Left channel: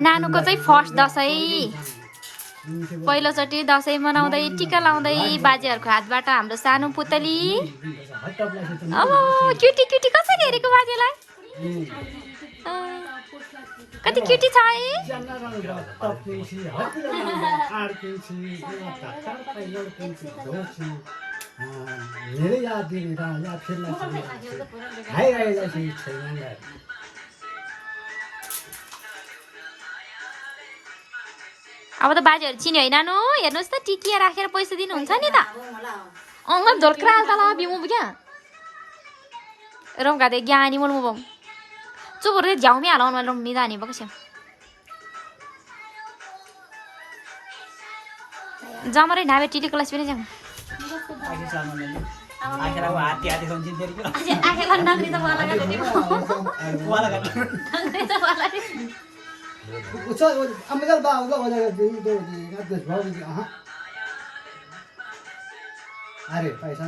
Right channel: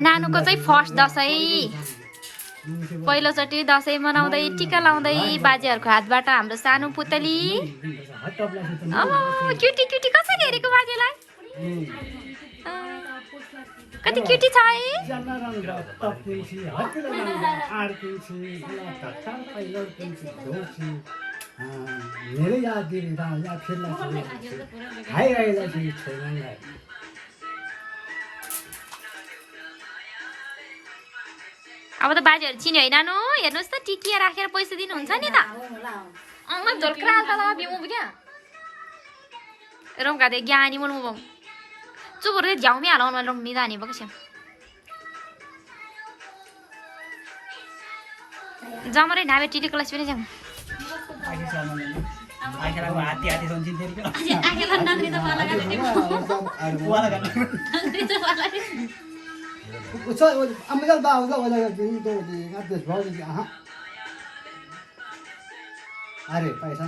नानुको चाहिँ फर्स्ट दसैँ पहिलोचोटि दसैँ मनाउँदै टिका लाउँदै बाजेहरूको हातबाट हाम्रो सानो पुतली क्युटी क्युटी कसरी हेरेको बाजेलाई कति क्युटी छ है अब त बाजेहरू चिन्यो है नानु हेर्नुहोस् त टिकिया राखेर पैसा दिनुहुन्छ नि त अङ्ग झोल्क्रा तल बिमु क्या रौका दे ज्ञानी मोल मुबम चुबुर झ्याउमी हालाउन रम निदानी बक्छ जमरे नाबे टिटी क्लास पनि जाम अरे पैसा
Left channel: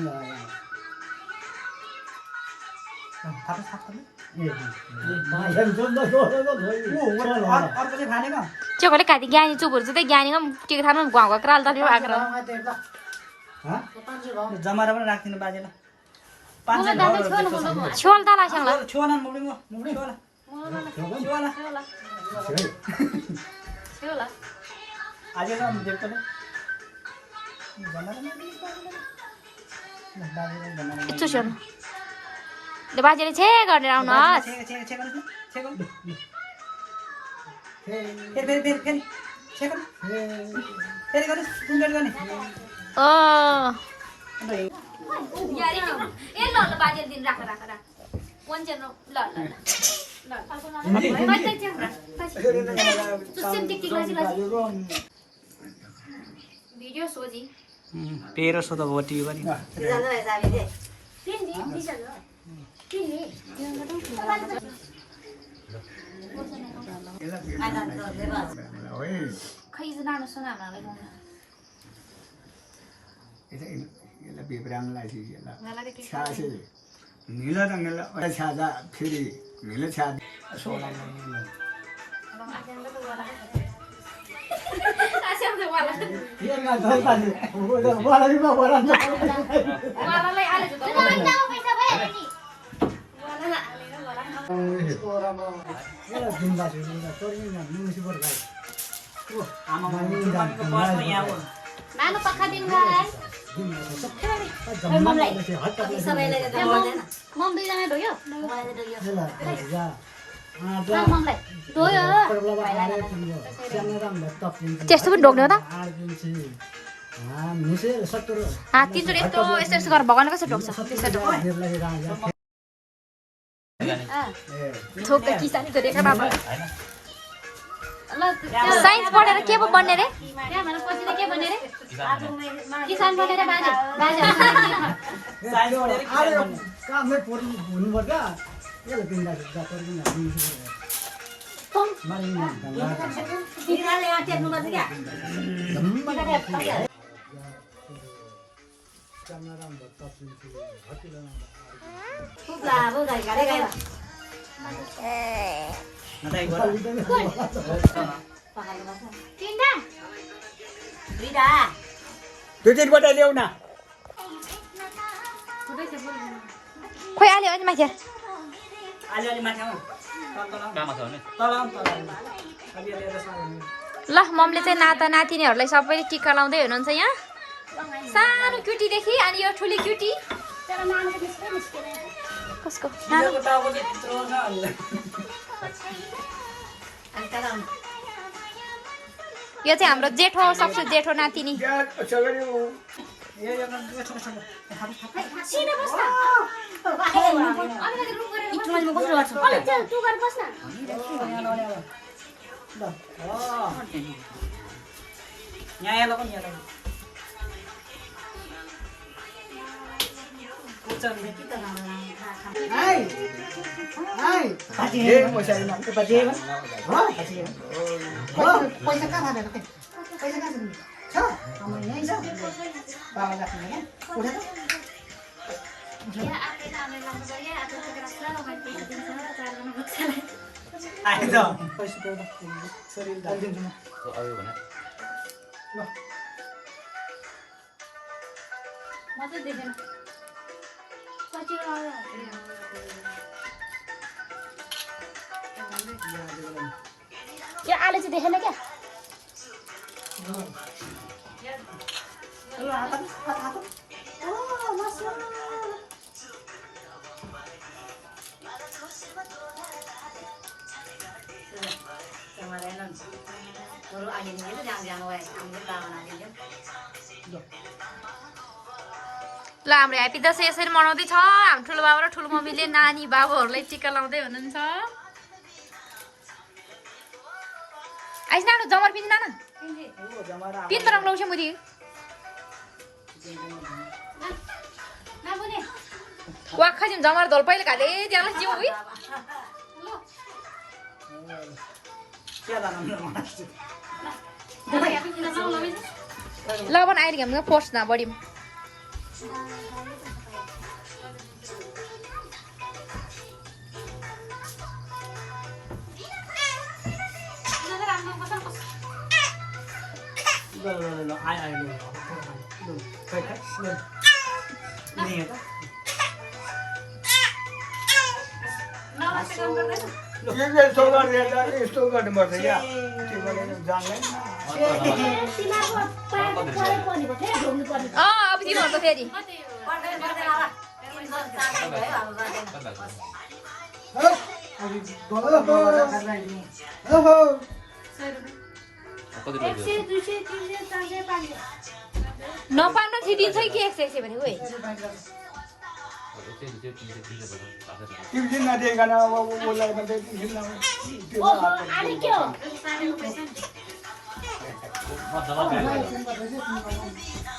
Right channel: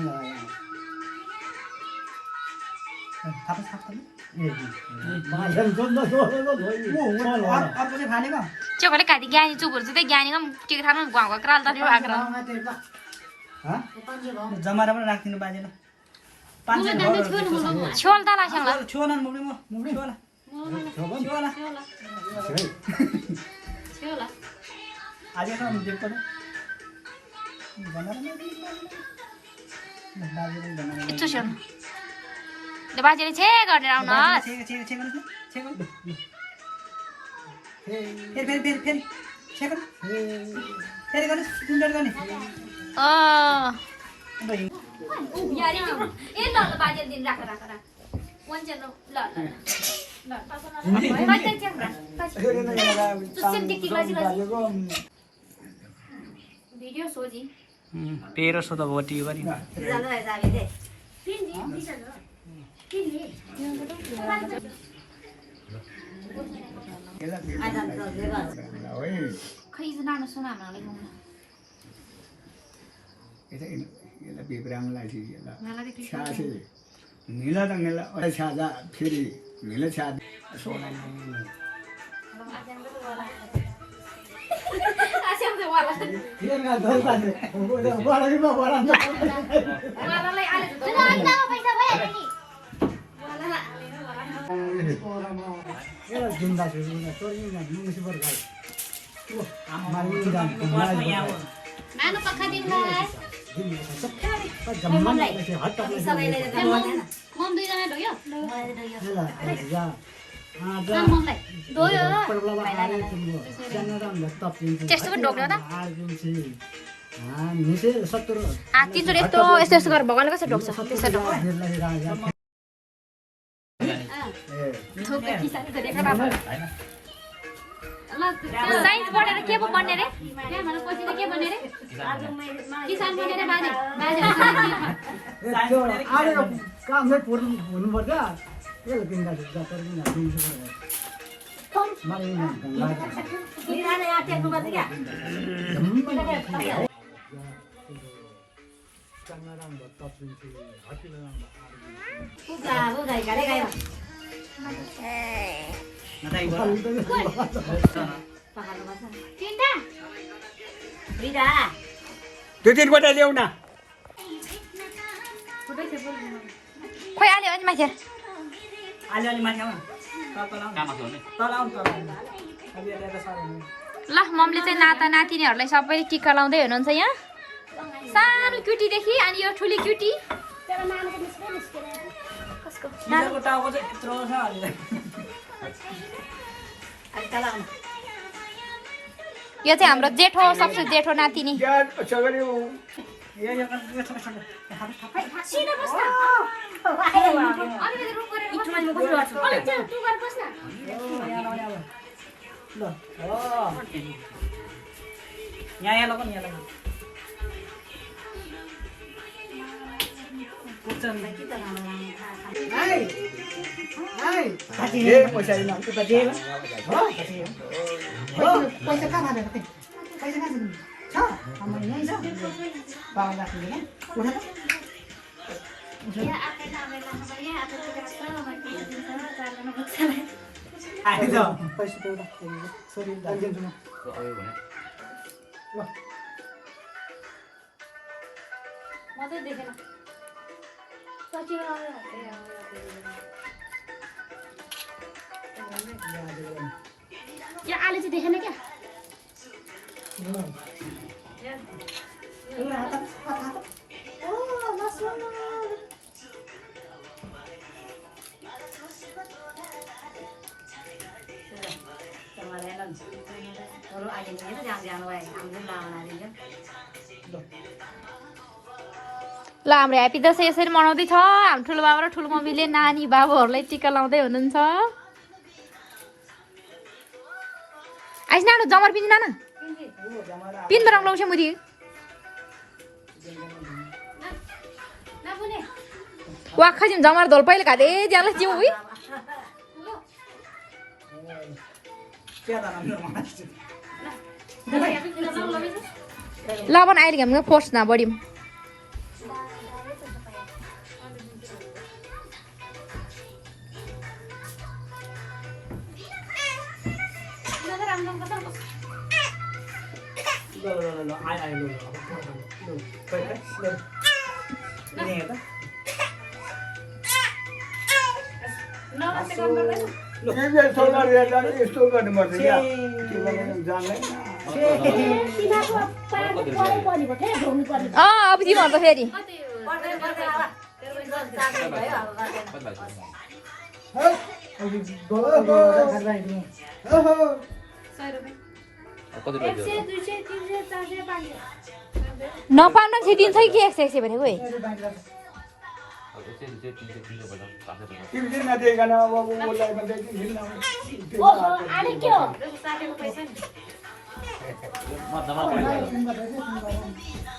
चोकले काटी ज्ञानी चुबुर चाहिँ ज्ञानी टिका थाल्नु गाउँको क्राल त आग्र जमारा पनि राख्दिनु बाजेलाई 500 छोल त लाग्छ छोला मुबी छोला आज का हम देखते हैं चुस्यो ल बाजेले छे गरेर आउनुहोस् भिडियो सोजी 1300 त भोटी पनि खै नानु सुना हामीलाई यसलाई बिब्राङलाई छासे निला त निला छाजा फेरि निला छा त्यस्तो पनि ढोक्नु त 300 यस्तो यस्तो गरेर भगवानले कसरी ढोक्छ त्यसो ढोक्छ किसानी गरेको बाबा साइन्स पढेर के पो बन्ने रे के बन्ने रे किसान पढेर बाजे आले काममै पर्नु हुनुपर्छ यसले दिँदा दुईवटा ल्याउ न खोइ आले अनि माथि अलि माथि आऊ ल मम्मीले चाहिँ नाता नातिनीहरूलाई सबैले टिका लाउँदै हुनुहुन्छ यहाँ सानो क्युटीदेखि अनि यो ठुली क्युटी कसको नानु यो चाहिँ हाम्रो जेठो सबसे जेठो नातिनी आयो त पैसा त्यो सरी अहिले दिन्छु म आयो भने ल म चाहिँ देखेन सचिव त्यो आलु चाहिँ देखेन क्या ल हाम्रो ह्याप्पी दसैँ यसरी मनाउँदैछ हाम्रो ठुलो बाबा र ठुलो मम्मीले नानी बाबुहरूलाई टिका लाउँदै हुनुहुन्छ आइस न जमर पिन्दिन न तीन रङ लाउँछ मुरी वाखा जिम जमर धोल पहिले खाँदै जानुहोस् जिउ उही लाभन आइरहेको हाम्रो पोस्ट न बढी ल आयो आयो ल खै खै ल हेर यस्तो गर्नुपर्छ क्या जान्दैन अब जी भन्छ फेरि नपाउन दिन्छ कि 100 भनेको है तिमीले नदिएकन अब बोलायो भने के हो